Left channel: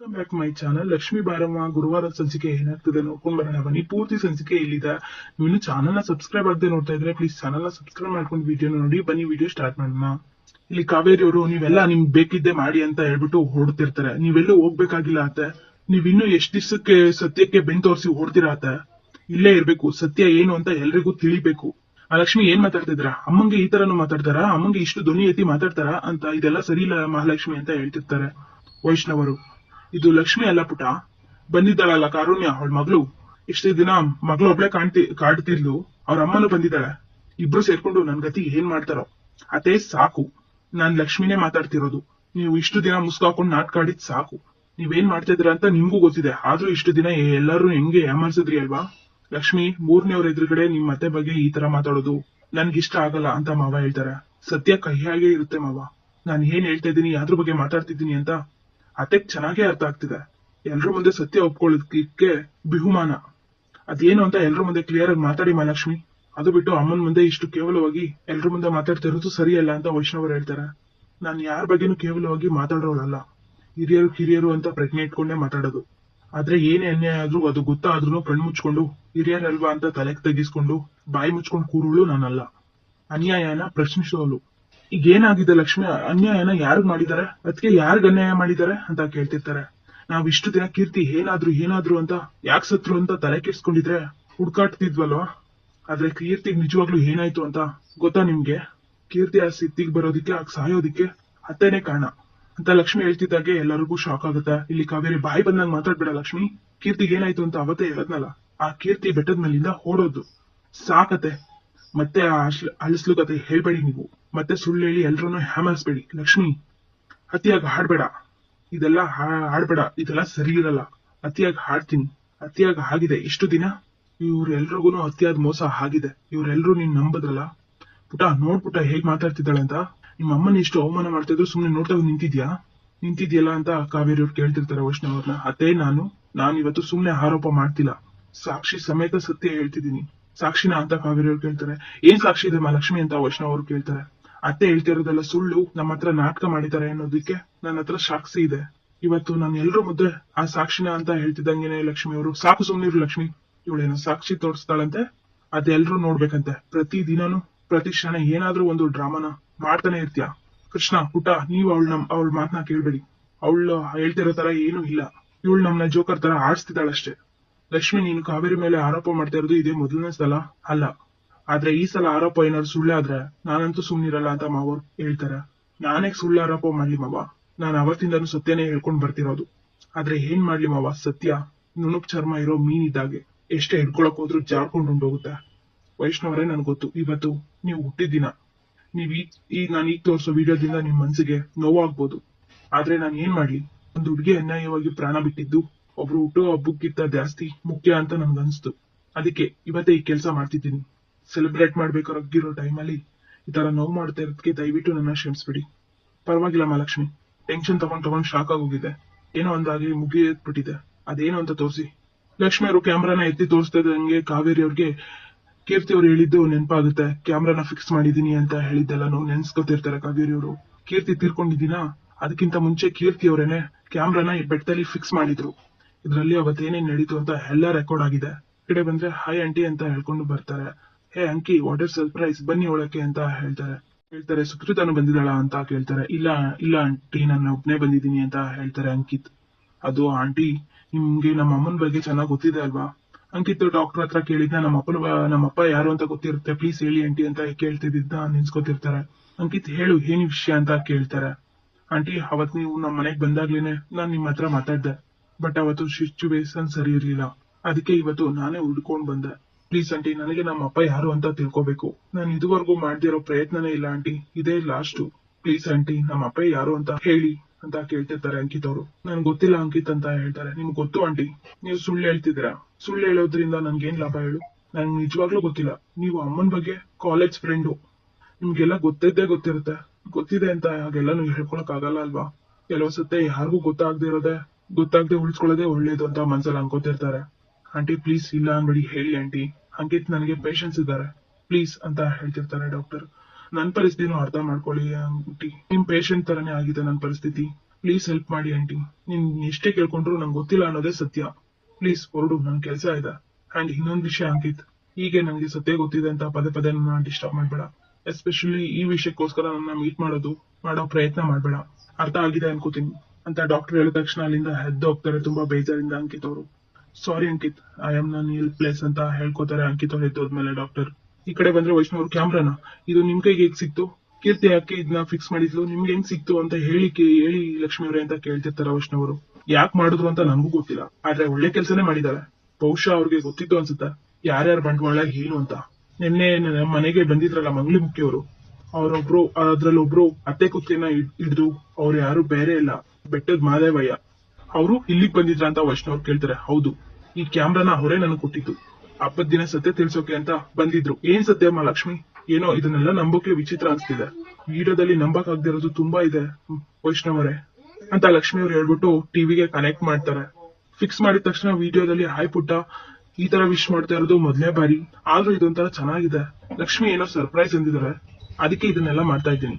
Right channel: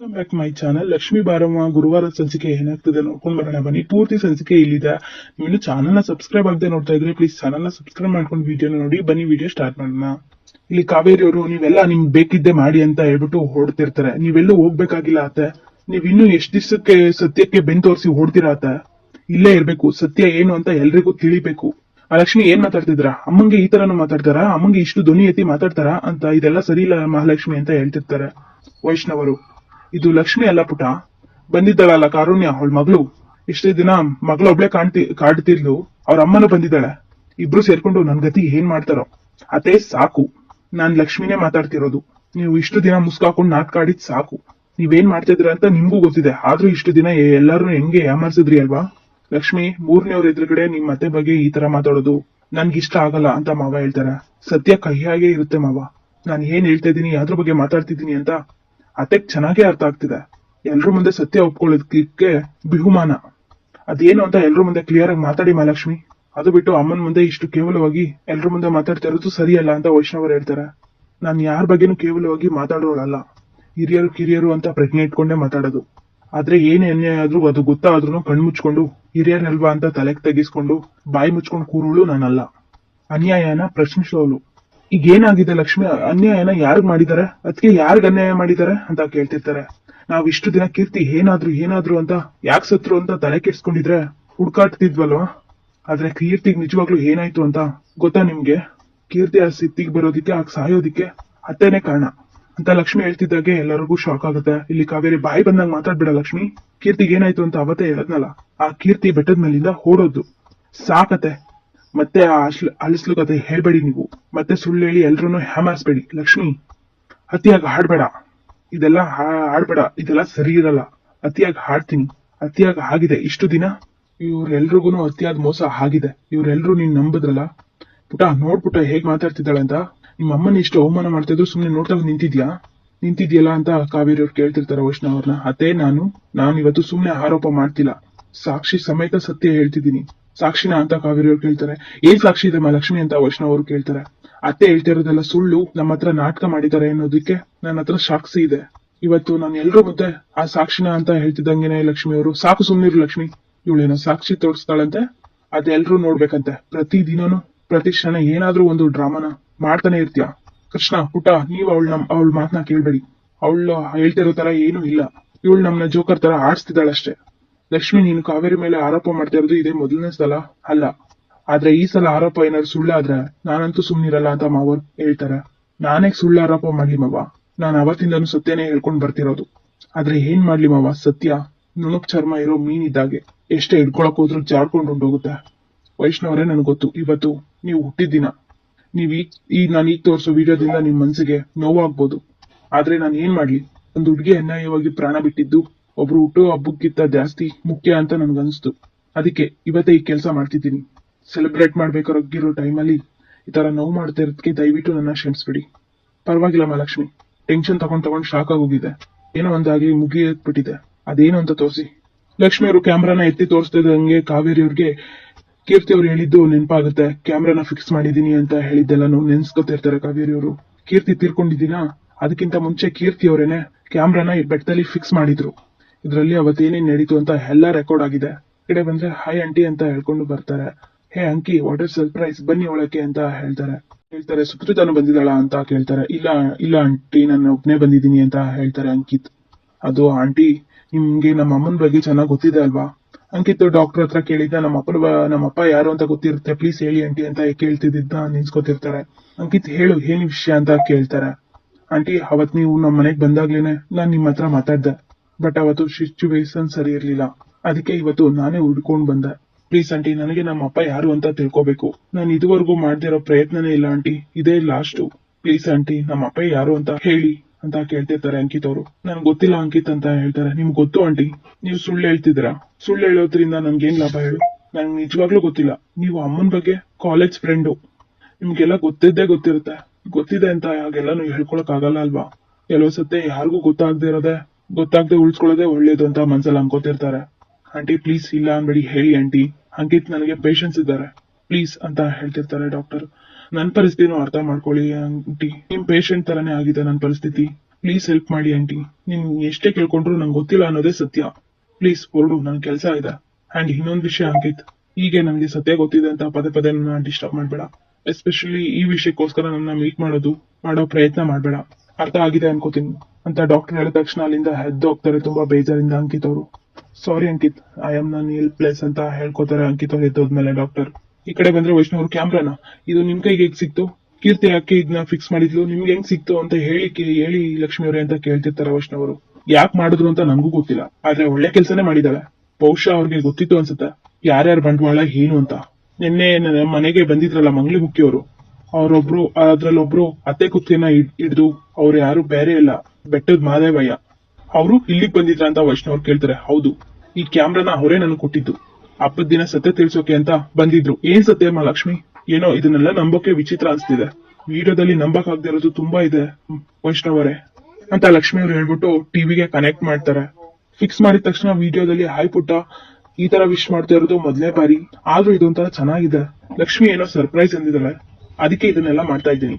Welcome back my channel Lakshmi Baramma ಗುರುವಾರ ಸಂಚಿಕೆ ಏನಾಗ್ತದೆ ನೋಡ್ಕೊಂಡ್ ಬರೋಣ ಬನ್ನಿ ಪೂರ್ತಿ ಸಂಚಿಕೆ ಇಲ್ಲಿದೆ ನೀವು ಚಾನಲ್ನ ಸಬ್ಸ್ಕ್ರೈಬ್ ಆಗದೆ ನೋಡ್ತಾ ಇದ್ರೆ ಪ್ಲೀಸ್ ಚಾನಲ್ನ ಸಬ್ಸ್ಕ್ರೈಬ್ ಮಾಡ್ಕೊಂಡು ವಿಡಿಯೋ ನೋಡಿ. ಬನ್ನಿ ವಿಡಿಯೋ ಸ್ಟಾರ್ಟ್ ಮಾಡೋಣ. ಇಲ್ಲಿ ಕಾವೇರಿ ಅವರು ನೀವೆಲ್ಲ ನಿಮ್ಗೆ ಬೇಕಿದ್ದೆ ಮಾಡಿ ಅಂತ ಹೇಳ್ಬಿಟ್ಟು ಹೊಡ್ತಿರ್ತಾರೆ ನೀವೆಲ್ಲೂ ಹೋಗ್ಬೇಕಾಗಿಲ್ಲ ಆತ. ನೀವ್ ಇನ್ನೂ ಎಷ್ಟ್ ದಿವ್ಸಕ್ಕೆ ಸತ್ಯಕ್ಕೆ ಬೆನ್ ತೋರಿಸಿ ಹೊಡ್ತೀರಾ ಆತ? ಇಲ್ಲೇ ಇರ್ಬೇಕು. ಸತ್ಯ ಏನು ಅಂತ ಎಲ್ರಿಗೂ ತಿಳಿಬೇಕು. ಆ ಲಕ್ಷ್ಮಿ ಏನ್ ಮಾತಾಡ್ತಿದ್ರ? ಅಮ್ಮಂಗೆ ಈ ತರನು ಮಾತಾಡ್ತಾರ? ಅಮ್ಮಂಗೆ ಇಷ್ಟು ಧ್ವನಿ ಎತ್ತಿ ಮಾತಾಡ್ತಾರ ಅಂತ, ಇದೆಲ್ಲ ಸರಿ ಇಲ್ಲ ಮಹಾಲಕ್ಷ್ಮಿ ಅಂತ ಹೇಳ್ತಿರ್ತಾರೆ. ವೈಷ್ಣವರು. ಇದು ಲಕ್ಷ್ಮಿ ಅಲ್ಲ ಪುಟ. ಬಂದಿದ್ದಾಳಲ್ಲ ಕಾರುಣ್ಯ ಅವಳ ಮಗಳು. ಇಷ್ಟೇ ದಿನ ಮಗಳೊಬ್ಳೆ ಕಾಣ್ತಿ ಕಾಡ್ತಿರ್ಲು ಅವ್ರ ಅಮ್ಮನೂ ಬಂದಿದ್ದಾಳೆ. ಇಬ್ರು ಸೇರ್ಕೊಂಡು ನನ್ ಗತಿ ಏನ್ ಮಾಡ್ತಾರೋ? ಅದೇ ಸಾಕು. ನಾನ್ ಲಕ್ಷ್ಮಿನೇ ಮಾತಾಡ್ತಿರೋದು. ನೀವು ಇಷ್ಟು ದಿನ ಮುಸ್ಕಾಕೊಂಡು ನಾಟಕ ಕಾಡಿದ್ ಸಾಕು. ನೀವೇನ್ ಮಾಡ್ತಾ ಇದೀರ ಅಂತ ನಿಮ್ಗೂ ಗೊತ್ತಿದೆ. ಆದ್ರೂ ಇಷ್ಟು ದಿನ ಎಲ್ಲಾರು ಹೆಂಗೆ ಯಾಮರ್ಸಿದ್ರಿ ಅಲ್ವಾ? ಲಕ್ಷ್ಮಿ, ಮೂರನೇವ್ರ ಎದುರುಗಡೆ ನಿಮ್ ಮತ್ತೆ ಬಗ್ಗೆ ಈ ತರ ಮಾತಾಡೋದು ನನ್ಗಿಷ್ಟ ಆಗಲ್ಲ ಅಂತ ಮಾವ ಹೇಳ್ತಾರೆ. ಸತ್ಯ ಕಹಿಯಾಗೆ ಇರುತ್ತೆ ಮಾವ. ನಾನು ಏನ್ ಹೇಳ್ತಾ ಇದೀನಿ ಯಾವ್ದ್ರ ಬಗ್ಗೆ ಮಾತಾಡ್ತಿದ್ದೀನಿ ಅಂತ ಅತೆಗ್ ಚೆನ್ನಾಗಿ ಅರ್ಥ ಆಗ್ತಿದೆ. ಎಲ್ರ ಮುಂದೆ ಸತ್ಯ ಒಪ್ಕೊಳ್ಳೋದಕ್ಕೆ ಬಿಹುಮಾನ. ಅದೇನು ಅಂತ ಎಲ್ರ ಮುಂದೆ ಕ್ಲಿಯರ್ ಆಗಿ ಮಾತಾಡಿ ಮಹಾಲಕ್ಷ್ಮಿ. ಅದು ಬಿಟ್ಟು ಅಮ್ಮನ ಮುಂದೆ ಇಷ್ಟು ಕೇವಲವಾಗಿ ಎಲ್ರ ಮುಂದೆ ಮಾತಾಡ್ತಾ ಇರೋದು ಸರಿಯಲ್ಲ ಅಂತ ವೈಷ್ಣವರು ಹೇಳ್ತಾರೆ. ನಾನು ಯಾರ ಬಗ್ಗೆನೂ ಕೇವಲವಾಗಿ ಮಾತಾಡೋಳಲ್ಲ ಹಿರಿಯರು ಕಿರಿಯರು ಅಂತ ಪ್ರಜ್ಞೆ ಇಟ್ಕೊಂಡೇ ಮಾತಾಡೋದು. ಆದ್ರೆ ಏನೇ ಅನ್ಯಾಯ ಆದ್ರೂ ಅದು ಗೊತ್ತಾದ್ರೂ ಕಣ್ಮುಚ್ಕೊಂಡು ಹಿರಿಯರಲ್ವಾ ಅಂತ ತಲೆಗೆ ತೆಗಿಸ್ಕೊಂಡು, ಬಾಯಿ ಮುಚ್ಕೊಂಡು ಕೂರುಳು ನಾನಲ್ಲ. ಅನ್ಯಾಯನ ಪ್ರಶ್ನಿಸೋಳು ಈಗ ಏನಾಗಿದೆ ಲಕ್ಷ್ಮಿ? ಅನ್ಯಾಯನ ಯಾರಿಗ್ ಮಾಡಿದ್ದಾರೆ ಅದಕ್ಕೆ ಯಾರಿಗ್ ಅನ್ಯಾಯ ಮಾಡಿದಾರೆ ಅಂತ ಕೇಳ್ತಿರ್ತಾರೆ. ನಾವ್ ಇಷ್ಟು ದಿನ ಕೀರ್ತಿ ಏನಾದ್ರು ಏನಾದ್ರು ಅಂತ, ಯಾಕ್ ಸತ್ರು ಅಂತ ತಲೆ ಕೆಡ್ಸ್ಕೊಂಡಿದ್ರೆ ಹುಡ್ಕಾಡ್ತಿದ್ವಲ್ವಾ ಆದ್ರೆ ಕೀರ್ತಿಗ್ ನಿಜವಾಗ್ಲೂ ಏನಾಯ್ತು ಅಂತ ಗೊತ್ತಾ ನಿಮ್ಗೆ? ಕೀರ್ತಿ ಆ ಸಿತ್ತಿಗೆ ಬರೋದಿಕ್ಕೆ, ಆಗ ಸಾಯೋದಿಕ್ಕೆ ಅತ್ತೇನೆ ಕಾರಣ. ಅಂತ ಲಕ್ಷ್ಮಿ ಹೇಳ್ತಿದ್ದಾಗೆ ಎಲ್ಲರಿಗೂ ಶಾಕ್ ಆಗುತ್ತೆ. ಇಲ್ಲಿ ಕಾವೇರಿ ಬಾಯಿ ಬಂದಾಗ ಮಾತಾಡ್ಬಿಡ ಲಕ್ಷ್ಮಿ. ಕೀರ್ತಿಗೆ ಏನಾಯ್ತು ಅಂತ ಅವತ್ತೇ ಹೇಳದ್ನಲ್ಲ. ಆ ಕೀರ್ತಿ ಬೆಟ್ಟದ ಮೇಲಿಂದ ಓಡೋದು. ಸಾಕತೆ. ಮತ್ತೆ ಆ ಕತೆ ಹೇಳ್ಬೇಡಿ ನೀವು. ಮತ್ತೆ ಸುಳ್ಳು ಹೇಳಿ ಎಲ್ರು ಹ್ಯಾಮಾರ್ಸ್ಬೇಡಿ ಲಕ್ಷ್ಮಿ, ಅತಿಯಾಗಿ ಹಾಡ್ಬೇಡ. ಇದೆಲ್ಲ ಹಾಡ್ಬೇಡ. ಇದೆಲ್ಲ ಸರಿ ಇರಲ್ಲ. ಅತಿಯಾಗಿ ಹಾಡ್ತೀನಿ. ಅತಿಯಾಗಿ ಆಗಿದೆ. ಇಷ್ಟು ದಿನ ಇವ್ರೆಲ್ರಿಗೂ ಅತಿಯಾದ ಮೋಸ ಆಗಿದೆ. ಇವ್ರೆಲ್ರು ನೀನ್ ನಂಬುದ್ರಲ್ಲ? ಪುಟ ನೋಡ್ಬಿಟ್ಟ ಹೇಗ್ ಮಾತಾಡ್ತಿದ್ದಾಳೆ ಅಂತ? ನಿಮ್ಮ ಅಮ್ಮನ ಇಷ್ಟು ಅವಮಾನ ಮಾಡ್ತಿದ್ರು ಸುಮ್ನೆ ನೋಡ್ತಾ ನಿಂತಿದ್ಯಾ? ನಿಂತಿದ್ಯಲ್ಲ ಅಂತ ಕಾವೇರಿ ಅವ್ರು ಕೇಳ್ತಿರ್ತಾರೆ ವೈಷ್ಣವ್ ಅವ್ರನ್ನ ಅದೇ ನಾನು. ನಾನು ಇವತ್ತು ಸುಮ್ನೆ ಆರೋಪ ಮಾಡ್ತಿಲ್ಲ. ಸಾಕ್ಷಿ ಸಮೇತ ಸತ್ಯ ಹೇಳ್ತಿದ್ದೀನಿ. ಸಾಕ್ಷಿನ ಅಂತ ಕಾವೇರಿಯವ್ರು ಕೇಳ್ತಾರೆ. ಏನ್ ಸಾಕ್ಷಿ ಇದೆ ಮಾ ಲಕ್ಷ್ಮಿ ಅಂತ ವೈಷ್ಣವ್ ಅವರು ಕೇಳ್ತಾರೆ. ಅತ್ತೆ ಹೇಳ್ತಿರೋದೆಲ್ಲ ಸುಳ್ಳು, ನಮ್ಮ ಹತ್ರ ನಾಟಕ ಮಾಡಿದ್ದಾರೆ ಅನ್ನೋದಕ್ಕೆ ನನ್ನ ಹತ್ರ ಸಾಕ್ಷಿ ಇದೆ. ಇವತ್ತು ನಾನು ಎಲ್ರು ಮುಂದೆ ಆ ಸಾಕ್ಷಿನ ಅಂತ ಹೇಳ್ತಿದ್ದಂಗೆನೆ ಲಕ್ಷ್ಮಿ ಅವರು. ಸಾಕು ಸುಮ್ನಿರು ಲಕ್ಷ್ಮಿ. ಇವಳೇನೋ ಸಾಕ್ಷಿ ತೋರಿಸ್ತಾಳಂತೆ. ಅದೆಲ್ರೂ ನೋಡ್ಬೇಕಂತೆ. ಪ್ರತಿ ದಿನಾನು, ಪ್ರತಿ ಕ್ಷಣ ಏನಾದ್ರೂ ಒಂದು ಡ್ರಾಮಾನ ಮಾಡ್ತಾನೆ ಇರ್ತೀಯ. ಕೃಷ್ಣ, ಪುಟ, ನೀವ್ ಅವಳ ನಮ್, ಅವಳ ಮಾತನ್ನ ಕೇಳ್ಬೇಡಿ. ಅವಳು ಹೇಳ್ತಿರೋ ತರ ಏನೂ ಇಲ್ಲ. ಇವಳು ನಮ್ನ ಜೋಕರ್ ತರ ಆಡ್ಸ್ತಿದ್ದಾಳಷ್ಟೇ. ಲಕ್ಷ್ಮಿ, ನೀನು ಕಾವೇರಿ ಮೇಲೆ ಆರೋಪ ಮಾಡ್ತಾ ಇರೋದು ಇದೇ ಮೊದಲನೇ ಸಲ ಅಲ್ಲ. ಆದ್ರೆ ಈ ಸಲ ಆರೋಪ ಏನಾದ್ರು ಸುಳ್ಳಾದ್ರೆ ನಾನಂತೂ ಸುಮ್ನಿರಲ್ಲ ಅಂತ ಮಾವ ಹೇಳ್ತಾರೆ. ನಾನೇ ಸುಳ್ಳು ಆರೋಪ ಮಾಡ್ಲಿ ಮಾವ. ನಾನು ಅವತ್ತಿಂದನು ಸತ್ಯನೇ ಹೇಳ್ಕೊಂಡ್ ಬರ್ತಿರೋದು. ಆದ್ರೆ ಏನ್ ಮಾಡ್ಲಿ ಮಾವ, ಸತ್ಯ? ನುಣುಪ್ ಚರ್ಮ ಇರೋ ಮೀನ್ ಇದ್ದಾಗೆ. ಎಷ್ಟೇ ಹಿಡ್ಕೊಳಕ್ ಹೋದ್ರು ಜಾಡ್ಕೊಂಡು ಉಂಡೋಗುತ್ತೆ ವೈಷ್ಣವರೇ ನನ್ಗೆ ಗೊತ್ತು, ಇವತ್ತು ನೀವು ಹುಟ್ಟಿದ ದಿನ. ನೀವ್ ಈಗ ಈಗ ನಾನು ಈಗ ತೋರಿಸೋ ವಿಡಿಯೋದಿಂದ ನಿಮ್ ಮನ್ಸಿಗೆ ನೋವಾಗ್ಬೋದು. ಆದ್ರೆ ನಾನು ಏನ್ ಮಾಡ್ಲಿ? ಒಂದು ಹುಡುಗಿ ಅನ್ಯಾಯವಾಗಿ ಪ್ರಾಣ ಬಿಟ್ಟಿದ್ದು ಒಬ್ರು ಹುಟ್ಟೋ ಹಬ್ಬಕ್ಕಿಂತ ಜಾಸ್ತಿ ಮುಖ್ಯ ಅಂತ ನನ್ಗನ್ಸ್ತು ಅದಕ್ಕೆ ಇವತ್ತೇ ಈ ಕೆಲಸ ಮಾಡ್ತಿದ್ದೀನಿ. ಸೆಲೆಬ್ರೇಟ್ ಮಾಡ್ಬೇಕಾಗಿರೋ ಟೈಮಲ್ಲಿ ಈ ತರ ನೋವು ಮಾಡ್ತಾ ಇರೋದಕ್ಕೆ ದಯವಿಟ್ಟು ನನ್ನ ಕ್ಷಮಿಸ್ಬಿಡಿ ಪರವಾಗಿಲ್ಲ ಮಹಾಲಕ್ಷ್ಮಿ. ಟೆನ್ಷನ್ ತಗೊಂಡ್ ತಗೊಂಡ್ ಶಾಕ್ ಆಗೋಗಿದೆ ಏನೋ ಒಂದಾಗಿ ಮುಗಿಯತ್ಬಿಟ್ಟಿದೆ. ಅದೇನು ಅಂತ ತೋರಿಸಿ. ಲಕ್ಷ್ಮಿ ಅವರು ಕ್ಯಾಮ್ರಾನ ಎತ್ತಿ ತೋರಿಸ್ತಿದ್ದಂಗೆ ಕಾವೇರಿ ಅವ್ರಿಗೆ ಕೀರ್ತಿ ಅವ್ರು ಹೇಳಿದ್ದು ನೆನಪಾಗುತ್ತೆ. ಕ್ಯಾಮ್ರಾನ ಫಿಕ್ಸ್ ಮಾಡಿದೀನಿ ಅಂತ ಹೇಳಿದ್ದೆಲ್ಲಾನು ನೆನ್ಸ್ಕೊತಿರ್ತಾರೆ ಕಾವೇರಿ ಅವರು. ಕೀರ್ತಿ ತೀರ್ಕೊಂಡಿದ್ದೀನಾ? ಅದಕ್ಕಿಂತ ಮುಂಚೆ ಕೀರ್ತಿ ಅವರೇನೆ ಕ್ಯಾಮ್ರಾನ ಬೆಟ್ಟದಲ್ಲಿ ಫಿಕ್ಸ್ ಮಾಡಿದ್ರು. ಇದ್ರಲ್ಲಿ ಅವತ್ತೇನೇನು ನಡೀತು ಅಂತ ಎಲ್ಲ ರೆಕಾರ್ಡ್ ಆಗಿದೆ. ಕಡೆ ಬಂದ್ರೆ ಹಾಯ್ ಆಂಟಿ ಅಂತ ಹೇಳ್ಕೊಂಡು ಬರ್ತಾರೆ. ಹೇ ಅಂಕಿ ವಾಟರ್ ಸರ್ಪ್ರೈಸ್ ಬನ್ನಿ ಒಳಕ್ಕೆ ಅಂತ ಹೇಳ್ತಾರೆ. ಹೇಳ್ತಾರೆ, ಸುಕೃತನು ಬಂದಿದ್ದಾಳ ಅಂತ ಕೇಳ್ತಾರೆ. ಇಲ್ಲ ಇಲ್ಲ ಆಂಟಿ ನಾನು ಒಬ್ನೇ ಬಂದಿದ್ದೀನಿ ಅಂತ ಹೇಳ್ತಾರೆ ಅಂಕಿತ್. ಅದು ಆಂಟಿ ನಿಮ್ಗೆ ನಮ್ಮ ಅಮ್ಮನ ಬಗ್ಗೆ ಚೆನ್ನಾಗಿ ಗೊತ್ತಿದೆ ಅಲ್ವಾ? ಅಂಕಿತ್ ಡಾಕ್ಟರ್ ಹತ್ರ ಕೇಳಿದ್ದ ನಮ್ಮ ಅಪ್ಪನ ಬ- ನಮ್ಮ ಅಪ್ಪ ಯಾರು ಅಂತ ಗೊತ್ತಿರುತ್ತೆ? ಪ್ಲೀಸ್ ಹೇಳಿ ಆಂಟಿ ಅಂತ ಕೇಳ್ತಿದ್ದ ನಿನ್ಸ್ಕೊತಿರ್ತಾರೆ ಅಂಕಿತ್, ಹೇಳು, ಏನ್ ವಿಷಯ? ಅಂತ ಕೇಳ್ತಾರೆ. ಆಂಟಿ ಅವತ್ ನೀವು ನಮ್ಮ ಮನೆಗೆ ಬಂದಾಗ್ಲೇನೆ ನಾನ್ ನಿಮ್ಮ ಹತ್ರ ಮಾತಾಡ್ದೆ. ಬಟ್ ಅವತ್ತು ಸಿಚುವೇಶನ್ ಸರಿ ಇರಲಿಲ್ಲ. ಅದಕ್ಕೆ ಇವತ್ತು ನಾನೇ ಹುಡ್ಕೊಂಡ್ ಬಂದೆ. ಪ್ಲೀಸ್ ಆಂಟಿ ನನಗೆ ನಮ್ಮ ಅಪ್ಪ ಯಾರು ಅಂತ ತಿಳ್ಕೊಬೇಕು. ನಾನು ಇದುವರೆಗೂ ಮಾಡ್ದಿರೋ ಪ್ರಯತ್ನನೇ ಇಲ್ಲ ಆಂಟಿ ಇದೇ ಲಾಸ್ಟ್ ಪ್ಲೀಸ್ ಆಂಟಿ ನಮ್ಮ ಅಪ್ಪ ಯಾರು ಅಂತ ಹೇಳಿ ಅಂತ ಕೇಳ್ತಿರ್ತಾರೆ ಅಂಕಿತ್ ಅವರು ನನ್ಗೆ ಗೊತ್ತಿಲ್ಲ ಅಂಕಿತ್ ಅಂತ ಹೇಳ್ತಾರೆ. ನಿಮ್ಗೆ ಗೊತ್ತು ಆಂಟಿ ನೀವು ಸುಳ್ಳು ಹೇಳ್ತಿದ್ದೀರಾ? ಸುಳ್ಳು ಹೇಳೋದ್ರಿಂದ ನನ್ಗೇನ್ ಲಾಭ ಹೇಳು? ನನಗೆ ನಿಜವಾಗ್ಲೂ ಗೊತ್ತಿಲ್ಲ. ನೀವು ಅಮ್ಮನ ಬಗ್ಗೆ ಕಾಲೇಜ್ ಫ್ರೆಂಡು ನಿಮ್ಗೆಲ್ಲ ಗೊತ್ತಿದ್ದೇ ಗೊತ್ತಿರುತ್ತೆ. ಗೊತ್ತಿದೆ ಅಂತ ಹಾಗೆಲ್ಲಾನು ಹೇಳ್ಕೊಳಕ್ ಆಗಲ್ಲ ಅಲ್ವಾ? ಕೆಲವು ಸತ್ತೆ ಯಾರಿಗೂ ಗೊತ್ತಾಗದೆ ಗೊತ್ತಾಗದೆ ಉಳಿಸ್ಕೊಳ್ಳೋದೇ ಒಳ್ಳೇದು ಅಂತ ಮನ್ಸಲ್ಲಿ ಅನ್ಕೋತಿರ್ತಾರೆ. ಆಂಟಿ ಪ್ಲೀಸ್ ಇಲ್ಲ ಅನ್ಬೇಡಿ ಹೇಳಿ ಆಂಟಿ. ಅಂಕಿತ್ ನನಗೆ ಪೇಷನ್ಸ್ ಇದ್ದಾರೆ. ಪ್ಲೀಸ್ ಅಂತ ಹೇಳ್ತಿರ್ತಾರೆ ಡಾಕ್ಟರ್ ನನ್ ಪರಿಸ್ಥಿತಿನೂ ಅರ್ಥ ಮಾಡ್ಕೊಳ್ಳಿ ಆಂಟಿ. ನಿಮ್ ಪೇಷಂಟ್ ತರನೇ ಆಗಿದೆ ನನ್ ಪರಿಸ್ಥಿತಿ. ಪ್ಲೀಸ್ ಹೆಲ್ಪ್ ಮಾಡಿ ಆಂಟಿ. ನೀನ್ ಎಷ್ಟೇ ಕೇಳ್ಕೊಂಡ್ರು ನಂಗೆ ಗೊತ್ತಿಲ್ಲ ಅನ್ನೋದೇ ಸತ್ಯ. ಪ್ಲೀಸ್ ಹೊರಡು, ನನ್ ಕೆಲಸ ಇದೆ. ಅಂಡ್ ಇನ್ನೊಂದ್ ವಿಷಯ ಅಂಕಿತ್. ಹೀಗೆ ನಂಗೆ ಸತ್ಯ ಗೊತ್ತಿದೆ ಅಂತ ಪದೇ ಪದೇ ನನ್ನ ಡಿಸ್ಟರ್ಬ್ ಮಾಡಬೇಡ. ಎಸ್ಪೆಷಲಿ ಈ ವಿಷಯಕ್ಕೋಸ್ಕರ ನನ್ನ ಮೀಟ್ ಮಾಡೋದು ಮಾಡೋ ಪ್ರಯತ್ನ ಮಾಡಬೇಡ. ಅರ್ಥ ಆಗಿದೆ ಅನ್ಕೋತೀನಿ. ಅಂತ ಡಾಕ್ಟರ್ ಹೇಳಿದ ತಕ್ಷಣ ಅಲ್ಲಿಂದ ಎದ್ದೋಗ್ತಾರೆ ತುಂಬಾ ಬೇಜಾರಿಂದ ಅಂಕಿತ್ ಅವರು ಸಾರಿ ಅಂಕಿತ್. ಐ ಆಮ್ ನನ್ ಇಲ್ ಪ್ಲೇಸ್ ಅಂತ ಹೇಳ್ಕೊತಾರೆ ಅಂಕಿತ್ ಅವ್ರು ಎದ್ದೋದ್ಮೇಲೆ ಡಾಕ್ಟರ್. ಈ ಕಡೆ ಬಂದ್ರೆ ವೈಷ್ಣವ್ ಕ್ಯಾಮ್ರಾನ. ಇದು ನಿಮ್ ಕೈಗೆ ಹೇಗ್ ಸಿಕ್ತು? ಕೀರ್ತಿ ಯಾಕೆ ಇದನ್ನ ಫಿಕ್ಸ್ ಮಾಡಿದ್ಲು? ನಿಮ್ಗೆ ಹೆಂಗ್ ಸಿಕ್ತು ಅಂತ ಹೇಳಿಕೆ ಹೇಳಿ ಲಕ್ಷ್ಮಿ ಅವರೇ ಅಂತ ಕೇಳ್ತಿರ್ತಾರೆ ವೈಷ್ಣವರು ಯಾಕೆ ಮಾಡಿದ್ರು ಅಂತ ನನಗೂ ಗೊತ್ತಿಲ್ಲ. ಆದ್ರೆ ಒಳ್ಳೆ ಕೆಲ್ಸನೇ ಮಾಡಿದಾಳೆ. ಬಹುಶಃ ಅವ್ರಿಗೆ ಗೊತ್ತಿತ್ತು ಅನ್ಸುತ್ತೆ. ಯಾರ್ಯಾರ ಬಂಡವಾಳ ಏನು ಅಂತ. ನಿನ್ನೆ ನನ್ನ ಮನೆಗೆ ಬಂದಿದ್ರಲ್ಲ ಮಂಗ್ಲಿ ಅವರು ಅವ್ರೊಬ್ರು ಅದ್ರಲ್ಲೊಬ್ರು ಅತ್ತೆ ಕುತ್ತಿನ ಹಿಡ್ದು ಅವ್ರು ಯಾರು ಬೇರೆ ಇಲ್ಲ. ಬೆಟ್ಟದ ಮಹಾದೇವಯ್ಯ, ಅವರು ಇಲ್ಲಿಗೆ ಬಂದಿದ್ರ ಅಂತ ವೈಷ್ಣವ್ ಕೇಳ್ತಾರೆ, ಹೌದು, ಈ ಕ್ಯಾಮ್ರಾನ ಅವರೇ ನನಗೆ ಕೊಟ್ಟಿದ್ದು. ಅಪ್ಪದ ದಿನ ಸತ್ಯ ತಿಳಿಸೋಕೆ ಅಂತ ಬಂದಿದ್ರು. ಏನ್ ಸತ್ಯ ಅಮ್ಮ ಲಕ್ಷ್ಮಿ ಏನೋ ಇದನ್ನೆಲ್ಲ ನಂಬೋಕೆ ವಿಚಿತ್ರ ಅನ್ಸ್ತಿದೆ. ವಿಡಿಯೋದಲ್ಲಿ ನಂಬಕ್ ಆಗದೆ ಇರೋದು ತುಂಬಾ ಇದೆ, ವೈಷ್ಣವರೇ. ಅಂತ ಲಕ್ಷ್ಮಿ ಅವ್ರು ಹೇಳ್ಬಿಟ್ಟು ಟಿವಿಗೆ ಕನೆಕ್ಟ್ ಮಾಡ್ತಾರೆ. ಫಿಕ್ಸ್ ಮಾಡಿದ ತಕ್ಷಣ ವಿಡಿಯೋದಲ್ಲಿ ಹಾಯ್ ಪುಟ್ಟ ಈ ತರ ವಿಶ್ ಮಾಡ್ತಾ ಇರೋದು ಮೊದ್ಲೇ ಬಾರಿ. ಆದ್ರೂ ಇದೊಂಥರ ಚೆನ್ನಾಗಿದೆ. ಲಕ್ಷ್ಮಿ ಏನೋ ಸರ್ಪ್ರೈಸ್ ಅಂದಿದ್ದಾಳೆ. ಅದಕ್ಕೆ ಇದನ್ನೆಲ್ಲ ಮಾಡ್ತಾ ಇದ್ದೀನಿ.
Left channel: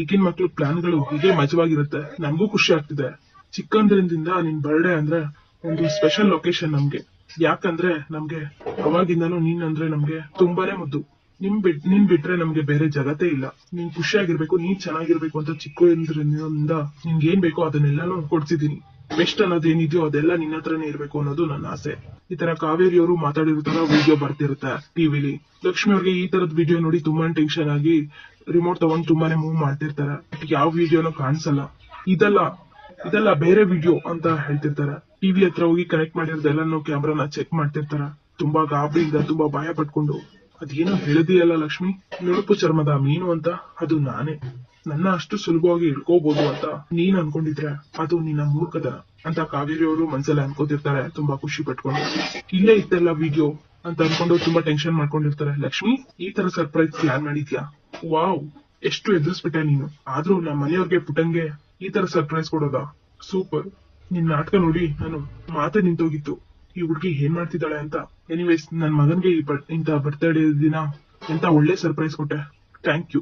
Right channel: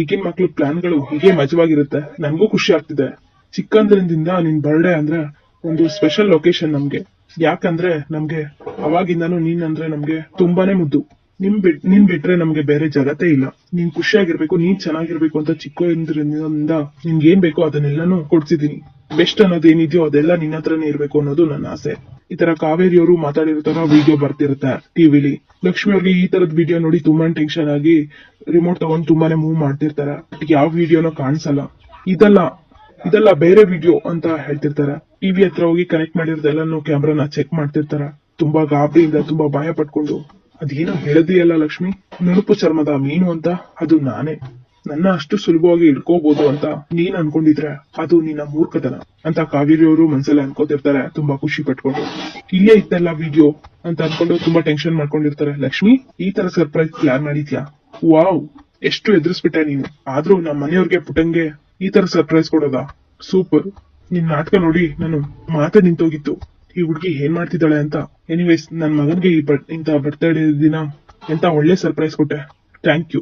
ಈಗಿನ ಮಕ್ಳು ಪ್ಲಾನ್ಗಳು ಹೀಗೆ ಮಜವಾಗಿರುತ್ತೆ. ನನಗೂ ಖುಷಿ ಆಗ್ತಿದೆ. ಚಿಕ್ಕಂದ್ರಿಂದ ನಿನ್ ಬರ್ಡೇ ಅಂದ್ರೆ ಒಂದು ಸ್ಪೆಷಲ್ ಲೊಕೇಶನ್ ನಮ್ಗೆ. ಯಾಕಂದ್ರೆ ನಮ್ಗೆ ಅವಾಗಿಂದಾನು ನೀನ್ ಅಂದ್ರೆ ನಮ್ಗೆ ತುಂಬಾನೇ ಮುದ್ದು. ನಿಮ್ ಬಿಟ್, ನೀನ್ ಬಿಟ್ರೆ ನಮ್ಗೆ ಬೇರೆ ಜಗತ್ತೇ ಇಲ್ಲ. ನೀನ್ ಖುಷಿಯಾಗಿರ್ಬೇಕು, ನೀನ್ ಚೆನ್ನಾಗಿರ್ಬೇಕು ಅಂತ ಚಿಕ್ಕಂದ್ರಿಂದ ನಿನ್ಗೆ ಏನ್ ಬೇಕೋ ಅದನ್ನೆಲ್ಲಾನು ಕೊಡ್ಸಿದೀನಿ. ಬೆಸ್ಟ್ ಅನ್ನೋದೇನಿದೆಯೋ ಅದೆಲ್ಲ ನಿನ್ನ ಹತ್ರನೇ ಇರ್ಬೇಕು ಅನ್ನೋದು ನನ್ನ ಆಸೆ. ಈ ತರ ಕಾವೇರಿಯವರು ಮಾತಾಡಿರ್ತಾರ ವಿಡಿಯೋ ಬರ್ತಿರುತ್ತೆ ಟಿವಿಲಿ ಲಕ್ಷ್ಮಿ ಅವ್ರಿಗೆ ಈ ತರದ್ ವಿಡಿಯೋ ನೋಡಿ ತುಂಬಾ ಟೆನ್ಷನ್ ಆಗಿ ರಿಮೋಟ್ ತಗೊಂಡ್ ತುಂಬಾನೇ ಮೂವ್ ಮಾಡ್ತಿರ್ತಾರ. ಯಾವ ವಿಡಿಯೋನೂ ಕಾಣಿಸಲ್ಲ. ಇದೆಲ್ಲ ಇದೆಲ್ಲ ಬೇರೆ ವಿಡಿಯೋ ಅಂತ ಹೇಳ್ತಿರ್ತಾರ. ಟಿವಿ ಹತ್ರ ಹೋಗಿ ಕನೆಕ್ಟ್ ಮಾಡಿರೋದೆಲ್ಲನೂ ಕ್ಯಾಮ್ರಾನ ಚೆಕ್ ಮಾಡ್ತಿರ್ತಾರ. ತುಂಬಾ ಗಾಬರಿಯಿಂದ, ತುಂಬಾ ಭಯ ಪಟ್ಕೊಂಡು. ಅದೇನೋ ಹೇಳದಿಯಲ್ಲ ಲಕ್ಷ್ಮಿ. ನುಣುಪು ಚರ್ಮದ ಮೀನು ಅಂತ, ಅದು ನಾನೇ. ನನ್ನ ಅಷ್ಟು ಸುಲಭವಾಗಿ ಇಳ್ಕೋಬಹುದು ಅಂತ ನೀನ್ ಅನ್ಕೊಂಡಿದ್ರೆ ಅದು ನಿನ್ನ ಮೂರ್ಖತನ ಅಂತ ಕಾವೇರಿ ಅವರು ಮನ್ಸಲ್ಲಿ ಅನ್ಕೋತಿರ್ತಾರೆ, ತುಂಬಾ ಖುಷಿ ಪಟ್ಕೊಂಡು. ಇಲ್ಲೇ ಇತ್ತಲ್ಲ ವಿಡಿಯೋ ಅಂತ ಅನ್ಕೊಂಡು ತುಂಬಾ ಟೆನ್ಷನ್ ಮಾಡ್ಕೊಂಡಿರ್ತಾರೆ. ಲಕ್ಷ್ಮಿ, ಈ ತರ ಸರ್ಪ್ರೈಸ್ ಪ್ಲಾನ್ ಮಾಡಿದ್ಯಾ? ವಾವ್ ಎಷ್ಟು ಎದುರಿಸ್ಬಿಟ್ಟ ನೀನು. ಆದ್ರೂ ನಮ್ಮ ಮನೆಯವ್ರಿಗೆ ಪುಟಂಗೆ ಈ ತರ ಸರ್ಪ್ರೈಸ್ ಕೊಡೋದಾ? ಸೂಪರ್ ನಿನ್ ನಾಟಕ ನೋಡಿ ನಾನು ಮಾತೆ ನಿಂತೋಗಿತ್ತು. ಈ ಹುಡುಗಿ ಏನ್ ಮಾಡ್ತಿದ್ದಾಳೆ ಅಂತ? ಎನಿವೇಸ್ ನನ್ ಮಗನ್ಗೆ ಈ ಬಟ್ ಇಂತ ಬರ್ತ್ಡೇ ದಿನ ಎಂತ ಒಳ್ಳೆ ಸರ್ಪ್ರೈಸ್ ಕೊಟ್ಟೆ. Thank you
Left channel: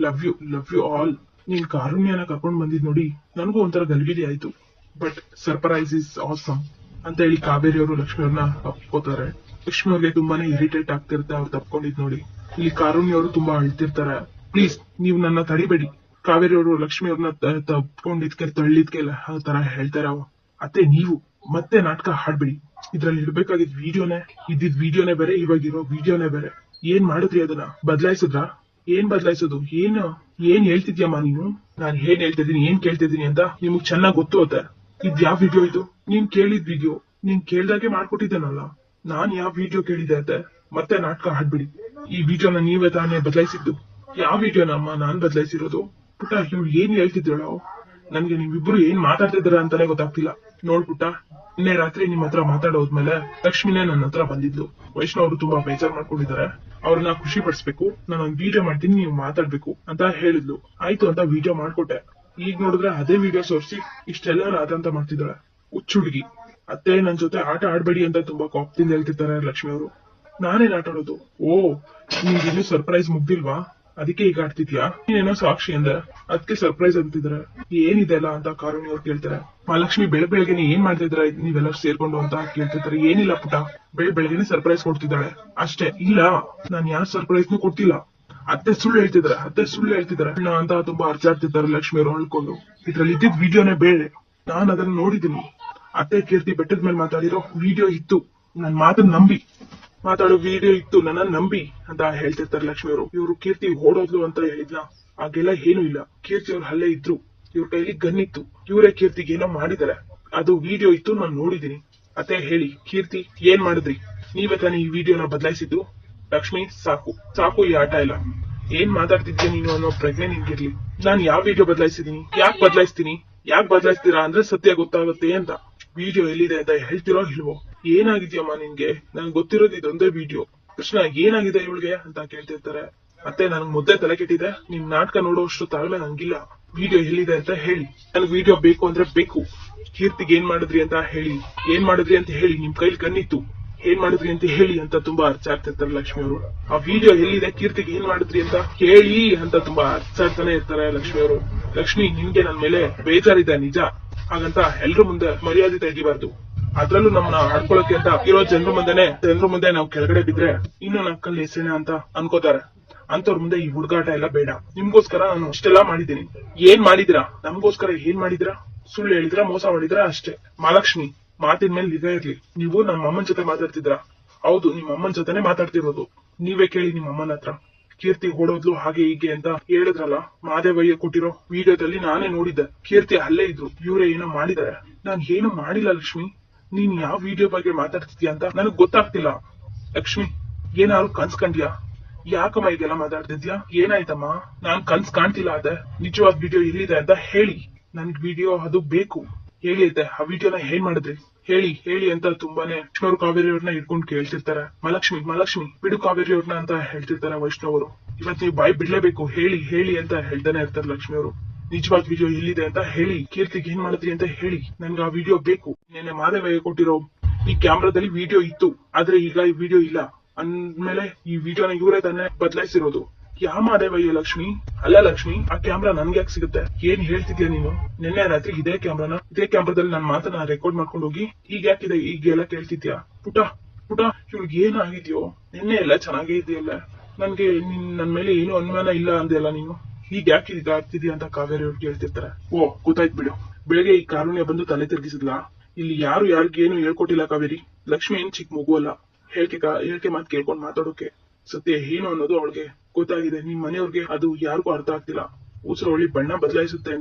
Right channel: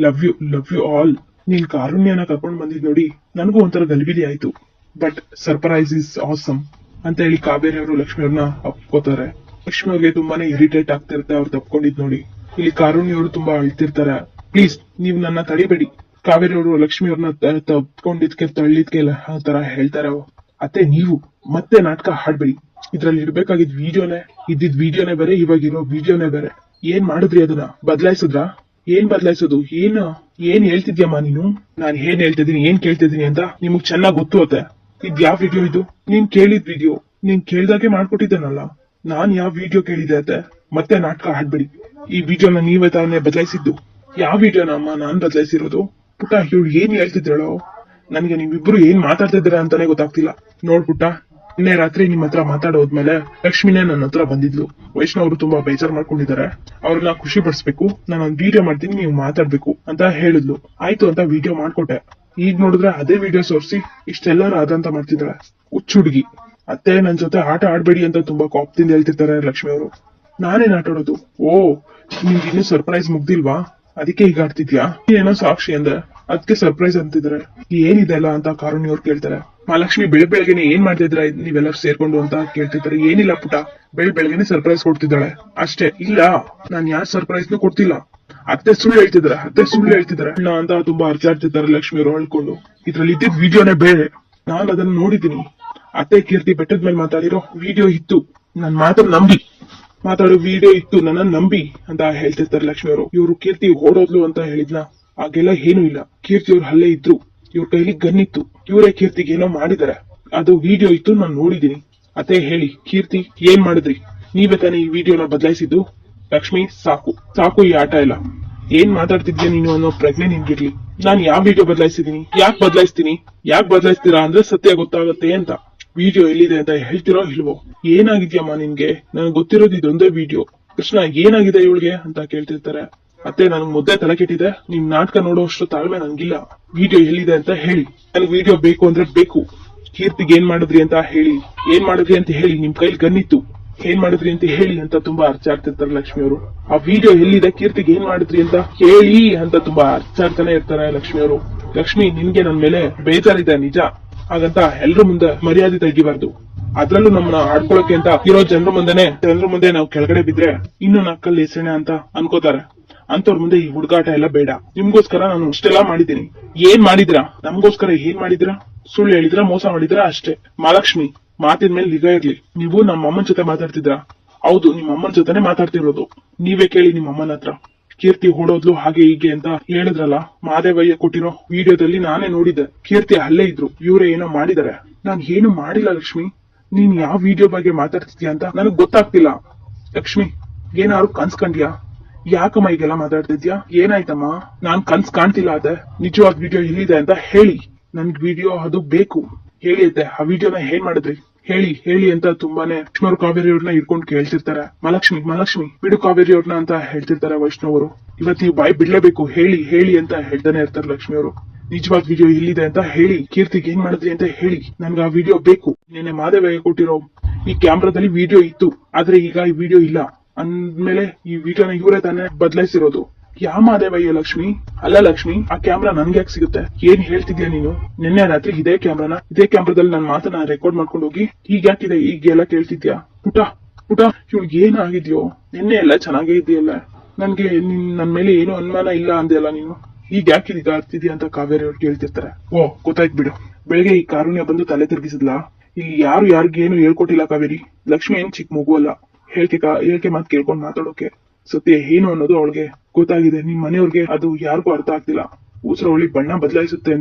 love you love you all ನೀನ್ ಕಾರುಣ್ಯನ ಕರ್ಕೊಂಡ್ ಬಂದಿದ್ ನೋಡಿ ನನಗೂ ಒಂಥರ ಗಲ್ಬಿಲಿ ಆಯ್ತು. ಬಟ್ ಸರ್ಪ್ರೈಸ್ ಇಸ್ ಆಸಮ್ ಅಂತ ಹೇಳಿ ಕಾವೇರಿ ಅವರು ಲಕ್ಷ್ಮಿ ಅವ್ರನ್ನ ಅಪ್ಕೋತಾರೆ ಲಕ್ಷ್ಮಿ ಅವ್ರಿಗೆ ತುಂಬಾನೇ ಇರಿಟೇಟ್ ಆಗ್ತಿರ್ತಾರೆ ಅವ್ರು ತಪ್ಕೊಂಡಿದ್ ನೋಡಿ. ಇಲ್ಲಿ ಕಾರುಣ್ಯ ಅವರು ತುಂಬಾ ಅಳ್ತಿರ್ತಾರೆ. ಪ್ಲೀಸ್ ನೀವು ನನ್ನ ತಡಿಬೇಡಿ. ಕಾವೇರಿ ಅವರು ಲಕ್ಷ್ಮಿ ಅವ್ರನ್ನ ತಪ್ಕೊಂಡಿದ್ಕೆ, ತಳ್ಳಿದ್ಕೆ ತರ ಹೇಳ್ತಾರ ಅತ್ತೆ, ನೀವು ಮತ್ತೆ ನಾಟಕ ಹಾಡ್ಬೇಡಿ. ಇದ್ರಲ್ಲಿ ಇರ್ಬೇಕಾಗಿದ್ ವಿಡಿಯೋನೇ ಇದ್ದಿದ್ ವಿಡಿಯೋನೇ ಬೇರೆ, ಇವಾಗಿರೋ ವಿಡಿಯೋನೇ ಬೇರೆ. ಏನ್ ಮಾಡಿದ್ರಿ ಅದನ್ನ? ಬದಲಾಯಿಸಿದ್ರಾ? ಏನ್ ಬದಲಾಯಿಸೋದು? ಏನು? ಏನ್ ಹೇಳ್ತಿದ್ಯಮ್ಮ ನೀನು? ನಾನು ಏನ್ ಹೇಳ್ತಿದ್ದೀನಿ, ಏನ್ ಕೇಳ್ತಿದ್ದೀನಿ ಅಂತ ನಿಮಗ್ ಚೆನ್ನಾಗ್ ಗೊತ್ತು ಅತ್ತೆ. ಇದ್ ಯಾವ ವಿಡಿಯೋ ಇದು? ನೀನ್ ಕೇಳಿದ್ ವಿಡಿಯೋ. ನೀನ್ ಕೇಳ್ದಾಗೆ ಮಾಡ್ಕೊಟ್ಟಿದ್ದಾನಲ್ಲ. ನಾನ್ ಯಾವ ವಿಡಿಯೋ ಕೇಳಿದೆ ಅತ್ತೆ? ಮತ್ತೆ ನಾಟಕ ಆಡ್ಬೇಡಿ. ಈ ವಿಡಿಯೋನ ನೀವೇ ತಾನೇ ಬದಲಾಯಿಸಿದ್ದು. ಯಾವ ವಿಡಿಯೋನ ಅಮ್ಮ ನಾನ್ ಬದಲಾಯಿಸಿರೋದು? ಪುಟ್ಟ ಇವ್ಳು ಏನ್ ಹೇಳ್ತಿದ್ದಾಳೋ ನನ್ಗೆ ನೀವಿಬ್ರು ಏನ್ ಮಾತಾಡ್ತಿದ್ದೀರಾ ಅಂತಾನೆ ಗೊತ್ತಾಗ್ತಿಲ್ಲ. ನೋಡ್ ಪುಟ್ಟ ನಿನ್ನೆ ರಾತ್ರಿ ನಿಮ್ಮ ಹತ್ರ ಮಾತಾಡೋದ್ಮೇಲೆ ಲಕ್ಷ್ಮಿನೇ ನನ್ನ ಹತ್ರ ಬಂದಿದ್ಲು. ವೈಷ್ಣವ್ ಅವರು ತುಂಬಾ ಬೇಜಾರ್ ಮಾಡ್ಕೊಂಡಿದ್ದಾರೆ. ಅವ್ರನ್ನ ಖುಷಿ ಪಡಿಸ್ಬೇಕು. ನಾನು ಒಂದು ವಿಡಿಯೋ ಮಾಡ್ತೀನಿ, ನೀವು ಮಾತಾಡ್ಬೇಕು ಅಂತ ಹೇಳಿದ್ಲು. ಆಯ್ತು ಅಂತ ವಿಡಿಯೋ ಮಾಡ್ಕೊಟ್ಟೆ. ಈಗ ನೋಡಿದ್ರೆ ಅದೇ ವಿಡಿಯೋ ಸೋರ್ಸಿ ಇಷ್ಟೆಲ್ಲರೂ ಆದಂತ ಮಾಡ್ತಿದ್ರೆ ಹುಚ್ಚು ಹುಡುಗಿ. ಅತ್ತೆ ನನ್ ಜೊತೆ ಆಟ ಆಡ್ಬೇಡಿ ಅಂತ ತುಂಬಾ ಕೋಪದಿಂದ ಹೇಳ್ತಿರ್ತಾರೆ ಲಕ್ಷ್ಮಿ ಅವರು. ನಾನೇನ್ ಆಟ ಆಡೋದು? ಓ ನಿಮ್ಗೆ ಇನ್ನೂ ಸರ್ಪ್ರೈಸ್ ಮುಗ್ದಿಲ್ವಾ? ಅದಕ್ಕೆ ಈಗ ಆಡ್ತಿದ್ಯಾ ನೀನೇನೋ ಸಾಕ್ಷಿ ಅಂದ್ರೆ ಅದಕ್ಕೆ ಸರ್ಪ್ರೈಸ್ ಅಂತಿದ್ರೆ ಏನಿದೆ ಅಲ್ಲ ಅಂತ ಕಾರುಣಿ ಅವ್ರು ಕೇಳ್ತಾರೆ. ಮಹಾಲಕ್ಷ್ಮಿ ಬೆಳ್ ಬೆಳಗ್ಗೆನೆ ಏನ್ ಮಾಡ್ತಿದ್ರ ನೀವೆಲ್ಲ ಸೇರ್ಕೊಂಡು ಅಂತ ಕೇಳ್ತಿದ್ರೆ ಏನಿಲ್ಲ ಪುಟ. ಬೆಳ್ ಬೆಳಗ್ಗೆನೆ ಸರ್ಪ್ರೈಸ್ ಕೊಡ್ತಿದ್ದಾಳೆ. ಅಷ್ಟೇ, ಇಲ್ಲ, ನಾನ್ ಯಾರ್ ಸರ್ಪ್ರೈಸ್ನು ಕೊಡ್ತಿಲ್ಲ. ಅತ್ತೆ ಸುಳ್ಳು ಹೇಳ್ತಿದ್ರೆ ಅತ್ತೆ ಸುಳ್ಳು ಹೇಳ್ತಿದ್ರ ಅಣ್ಣ ಅಂತ ತುಂಬಾ ಅರ್ಚಾಡ್ತಿದ್ದಾರೆ ಲಕ್ಷ್ಮಿ ಅವರು ಹೇಳ್ಕೊಂಡು ಇದ್ರಲ್ಲಿ ಇದ್ದಿದ್ ವಿಡಿಯೋನೇ ಬೇರೆ. ನಾನ್ ಅದನ್ನ ನೋಡಿದೀನಿ ಅತ್ತೆ ಕೀರ್ತಿ ಬೆಟ್ಟದ ಮೇಲೆ ಮಾತಾಡಿರೋ ವಿಡಿಯೋ ಇತ್ತು. ನನ್ ಮಾತ್ರ ನಂಬಿ. ಮಾತಾಡೋ ವಿಡಿಯೋ ಇತ್ತು, ನನ್ನ ನಂಬಿ ಅಂತ ಹೇಳ್ತಿರ್ತಾರೆ ಲಕ್ಷ್ಮಿ ಅವರು. ಇವ್ರು ಕೀರ್ತಿ ಓಡೋದ್ಲು ಅಂತ ಹೇಳಿದ್ನ. ಹಾಗೆಲ್ಲ ಏನೂ ಇಲ್ಲ. ಕೀರ್ತಿ ಅವ್ರು ಅಲ್ಲೇ ಇದ್ರು. ಇವ್ರ ಕೈಲಿ ಇತ್ತು ಇವರೇ ಕೀರ್ತಿಗೆ ಏನೋ ಮಾಡಿದಾರೆ. ಅದು ವಿಡಿಯೋ ಇತ್ತು, ನಾನು ನೋಡಿದೀನಿ. ಅದೇ ಹೇಳಿ, ಕೀರ್ತಿ, ಏನ್ ಮಾಡಿದ್ರಿ? ನೀವೇ ತಾನೇ ಈ ವಿಡಿಯೋನ ಬದಲಾಯಿಸಿದ್ದು? ಲಕ್ಷ್ಮಿ, ಸಾಕು. ಸಾಕು ಈ ಆಟ ಇಲ್ಲ ಏನ್ ಮಾತಾಡ್ತಿದ್ಯಾ ನೀನು ಅನ್ನೋ ಪ್ರಜ್ಞೆ ನಿನ್ಗಿರ್ಲಿ. ನಾನ್ ಯಾವ ವಿಡಿಯೋ ಬದಲಾಯಿಸಿದೀನಿ? ಯಾಕೆ ಬದಲಾಯಿಸ್ತೀನಿ? ಯಾಕೆ ಬದಲಾಯಿಸ್ತೀರಾ ಅಂದ್ರೆ ಸತ್ಯ ಗೊತ್ತಾಗುತ್ತೆ ಅಂತ. ವಿಡಿಯೋ ಎಲ್ಲಿದೆ ಅಂತ ಹೇಳ್ತಿರೋ ಇಲ್ವೋ? ಏನಾಗಿದ್ಯಮ್ಮ ನಿನ್ಗೆ? ನನಗೆ ಗೊತ್ತಿರೋದು ಇದೊಂದೇ ವಿಡಿಯೋ ಕೃಷ್ಣ, ಏನಾಗಿದೆ ಇವಳಿಗೆ ಅಂತ ಕೇಳ್ತಿರ್ತಾರೆ. ಮತ್ತೆ ನನ್ ಮುದ್ದೆ ತಲೆ ಕೆಟ್ಟಿದೆ ನಿಮ್ ನಾಟಕ ನೋಡುವಷ್ಟು ತಾಳ್ಮೆ ನಂಗಿಲ್ಲ. ವಿಡಿಯೋ ಎಲ್ಲಿದೆ ಅಂತ ಹೇಳಿ. ನನ್ ವಿಡಿಯೋ ಬೇಕು ಅಂದ್ರೆ ಬೇಕು. ಕೀರ್ತಿಗೆ ಏನ್ ಮಾಡಿದ್ರಿ ಅಂತ ಹೇಳಿ. ಏನ್ ಮಾಡಿದ್ರಿ ಅಂತ ಹೇಳಿ ನಿಮ್ ಕೈಲಿ ಗನ್ನಿತ್ತು. ಏನ್ ಮಾಡಿದ್ರಿ ಅಂತ ಹೇಳಿ ಅಂತ ತುಂಬಾ ಅರ್ಚಾಡ್ತಿರ್ತಾರೆ ಲಕ್ಷ್ಮಿ ಅವರು. ಆ ವಿಡಿಯೋ ಎಲ್ಲಿದೆ, ಕೀರ್ತಿಗೆ ಏನ್ ಮಾಡಿದ್ರಿ ಅಂತ ಕೇಳಿ ಅಂತ ತುಂಬಾ ಅರ್ಚಾಡ್ತಾನೆ ಇರ್ತಾರೆ ಲಕ್ಷ್ಮಿ ಅವರು. ಲಕ್ಷ್ಮಿ, ನಿನ್ಗೆ ನನ್ ಮೇಲೆ ಬೇಜಾರಿದೆ ನಿಜ. ಹಾಗಂತ ಎಲ್ರ ಮುಂದೆ ಮರ್ಯಾದೆ ತೆಗಿಬಾರ್ದು ಅದ್ರಲ್ಲೂ ನಮ್ಮನ್ನ ಆಡ್ಕೊಳಕ್ಕೆ ಅಂತ ಇರೋ ಜನರ ಮುಂದೆನೆ, ಜನರ ಮುಂದೆ ನಾವು ಕೆಳಗಡೆ ಬಿದ್ರೆ ಇನ್ನು ನಕ್ಕಲ್ಲಿ ಎಸೆಣ ಅಂತ ಅನ್ಕೋತಾರೆ. ಅಂತವ್ರ ಮುಂದೆ ಈ ಹುಡುಗಾಟ ಎಲ್ಲ ಬೇಡ. ನಿಮ್ಗೋಸ್ಕರ ನಾನು ಅಷ್ಟೆಲ್ಲಾ ಮಾಡಿದ್ದೀನಿ. ಏನ್ ಮಾಡಿದ್ರಾ? ನಮ್ಗೋಸ್ಕರ ಏನ್ ಮಾಡಿದ್ರಾ? ಸುಳ್ಳು ಹೇಳಿದ್ರ, ಮೋಸ ಮಾಡಿದ್ರ? ಅಷ್ಟೇ. ಮಹಾಲಕ್ಷ್ಮಿ, ಮಾತಿನ ಮೇಲೆ ನಿಗಾ ಇರ್ಲಿ. ನೀವು ನಮ್ಮ ಅಮ್ಮನ ಜೊತೆ ಮಾತಾಡ್ತಿದ್ರಾ? ಹೌದು ನಿಮ್ಮ ಅಮ್ಮನ ಜೊತೆನೆ ಮಾತಾಡ್ತಿರೋದು. ನೀವೇ ಕೇಳಿ ನಿಮ್ಮ ಅಮ್ಮನ ಹತ್ರ. ಕೀರ್ತಿ ಓಡೋದ್ಲು ಹಾಗೆ ಹೀಗೆ ಅಂತ ಹೇಳಿದ್ರಲ್ಲ, ಮಾದೇವಯ್ಯ ಕೊಟ್ಟಿರೋ ವಿಡಿಯೋದಲ್ಲಿ ನಾನೇ ನೋಡಿದ್ದೆ. ಕೀರ್ತಿ ಅಲ್ಲೇ ಇದ್ರು. ಇವರೇ ಏನೋ ಮಾಡಿದಾರೆ. ನಾನ್ ಏನು ಮಾಡಿಲ್ಲ ಲಕ್ಷ್ಮಿ. ನೀನ್ ಯಾವ ವಿಡಿಯೋ ಬಗ್ಗೆ ಮಾತಾಡ್ತಿದ್ಯಾ ಅಂತ ನನಗ್ ಗೊತ್ತಾಗ್ತಿಲ್ಲ. ಲಕ್ಷ್ಮಿ, ಏನಾದ್ರು ಕನ್ಸ್ ಕಂಡ್ಯಾ ಯಾಕಮ್ಮ ಈಗೆಲ್ಲ ಮಾತಾಡ್ತಿದ್ಯಾ? ಏನಾಯ್ತಮ್ಮ? ನಾನ್ ಕನ್ಸ್ ಕಾಣ್ತಿಲ್ಲ ಅದೇ. ನಿಜವಾದ ವಿಡಿಯೋ ಇಲ್ಲಿದೆ ಅಂತ ಹೇಳಿ. ನನ್ಗ್ ವಿಡಿಯೋ ಅದು ಬೇಕು. ಹೇಳಿ ಅದೇ, ಆ ವಿಡಿಯೋನ ಏನ್ ಮಾಡಿದ್ರಿ? ಹೇಳಿ ಹೇಳಿ ಅಂತ ತುಂಬಾನೇ ಲಕ್ಷ್ಮರು ಕಾವೇರಿ ಅವ್ರನ್ನ ಹಿಡ್ಕೊಂಡು ಕೇಳ್ತಿರ್ತಾರೆ. ಮಲಕ್ಷ್ಮಿ ಮಲಕ್ಷ್ಮಿ ಬಿಡು ಕಾವೇರಿ ಅವ್ರನ್ನ ಅಂತ ಹೇಳ್ತಿರ್ತಾರೆ ವೈಷ್ಣವರು. ಇವತ್ ನೀವು ಬಾಯ್ ಬಿಡ್ಲೇಬೇಕು. ಹೇಳಿ ಹೇಳಿ ಅಂತ ಹೇಳ್ತಾನೆ ಇರ್ತಾರೆ ಲಕ್ಷ್ಮಿ ಅವರು. ನಿಜವಾದ ವಿಡಿಯೋ ಎಲ್ಲಿದೆ ಅಂತ ಹೇಳಿ. ಕೀರ್ತಿಗೆ ಏನ್ ಮಾಡಿದ್ರಿ ಅಂತ ಹೇಳಿ. ನನ್ಗೆ ಆ ವಿಡಿಯೋ ಬೇಕು. ನಿನ್ನೆ ಮಾದೇವಯ್ಯ ಕೊಟ್ಟಿರೋ ಈ ಕ್ಯಾಮ್ರಾದಲ್ಲಿ ವಿಡಿಯೋ ಇತ್ತು. ಆದ್ರೆ ಈಗ ಈ ವಿಡಿಯೋ ಇಲ್ಲ. ಅಂದ್ಮೇಲೆ ಈ ವಿಡಿಯೋನ ಇವರೇ ತಾನೇ ಬದಲಾಯಿಸಿರೋದು. ಯಾ ಮಾದೇವಯ್ಯ ಲಕ್ಷ್ಮಿ? ಅಲ್ಲ ಲಕ್ಷ್ಮಿ, ಆ ಕ್ಯಾಮ್ರಾ ನನ್ಗೆ ಯಾಕೆ ಸಿಗುತ್ತೆ? ಏನ್ ಹೇಳ್ತಿದ್ಯಾ ನೀನು? ನಿನ್ನೆ ರಾತ್ರಿ ಇದೇ ಕ್ಯಾಮ್ರಾನ ಇದೇ ಕ್ಯಾಮ್ರಾದಲ್ಲಿ ನನ್ನ ಮಾತನ್ನ ರೆಕಾರ್ಡ್ ಮಾಡ್ಕೊಂಡು ಹೋಗಿ ಈಗ ಯಾಕಿದೆ ಈಗ ಎಲ್ಲ ಕೇಳ್ತಿದ್ಯಾ? ಪುಟ ಪುಟ ಇವ್ಳಿಗೆ ಏನಾಗಿದ್ಯೋ ನಿನ್ನೆ ಎಲ್ಲ ಚೆನ್ನಾಗೇ ಇದೆಯಲ್ಲ ನನ್ಗೆ ನಿನ್, ನನ್ ಮೇಲೆ ಏನು ಅನುಮಾನ ಇಲ್ಲ ಅಂದೆಲ್ಲ ನೀನು. ಈಗ ಯಾಕೆ ಈಗ ಆಗ್ತಿದ್ಯಾ ಅಂತ ಕಾವೇರಿ ಅವ್ರು ಕೇಳ್ತಿರ್ತಾರೆ. ಓ, ಗೊತ್ತಾಯ್ತು ಬಿಡು. ಬೆಳಿಗ್ಗೆ ಈ ಕಾರುಣ್ಯ ಬಂದು ತಲೆ ತಿರ್ಗಿಸಿದ್ಲಾ? ಇಲ್ಲಿ ಯಾರು ಯಾರಿಗೇನು ಹೇಳ್ಕೊಟ್ಟಿಲ್ಲ ಕಾವೇರಿ. ಲಕ್ಷ್ಮಿ ಏನ್ ಚಿಕ್ಕ ಮಗು ಅಲ್ಲ. ಹೇಳ್ಕೆ ಹೇಳಿಕೆ ಮಾತು ಕೇಳ್ಕೊಂಡು ಮಾತಾಡೋಕೆ. ಸತ್ಯ ಏನು ಅನ್ನೋದು ಅವಳಿಗೆ ಗೊತ್ತಾಗಿದೆ. ನಿಮ್ ಮನೆಯವ್ರಿಗೆ ಅದು ಯಾರಿಗೂ ಅರ್ಥ ಆಗ್ತಿಲ್ಲ. ಉಸಿರವಳಿ ಬಣ್ಣ ಬದಲಾಯಿಸುತ್ತೆ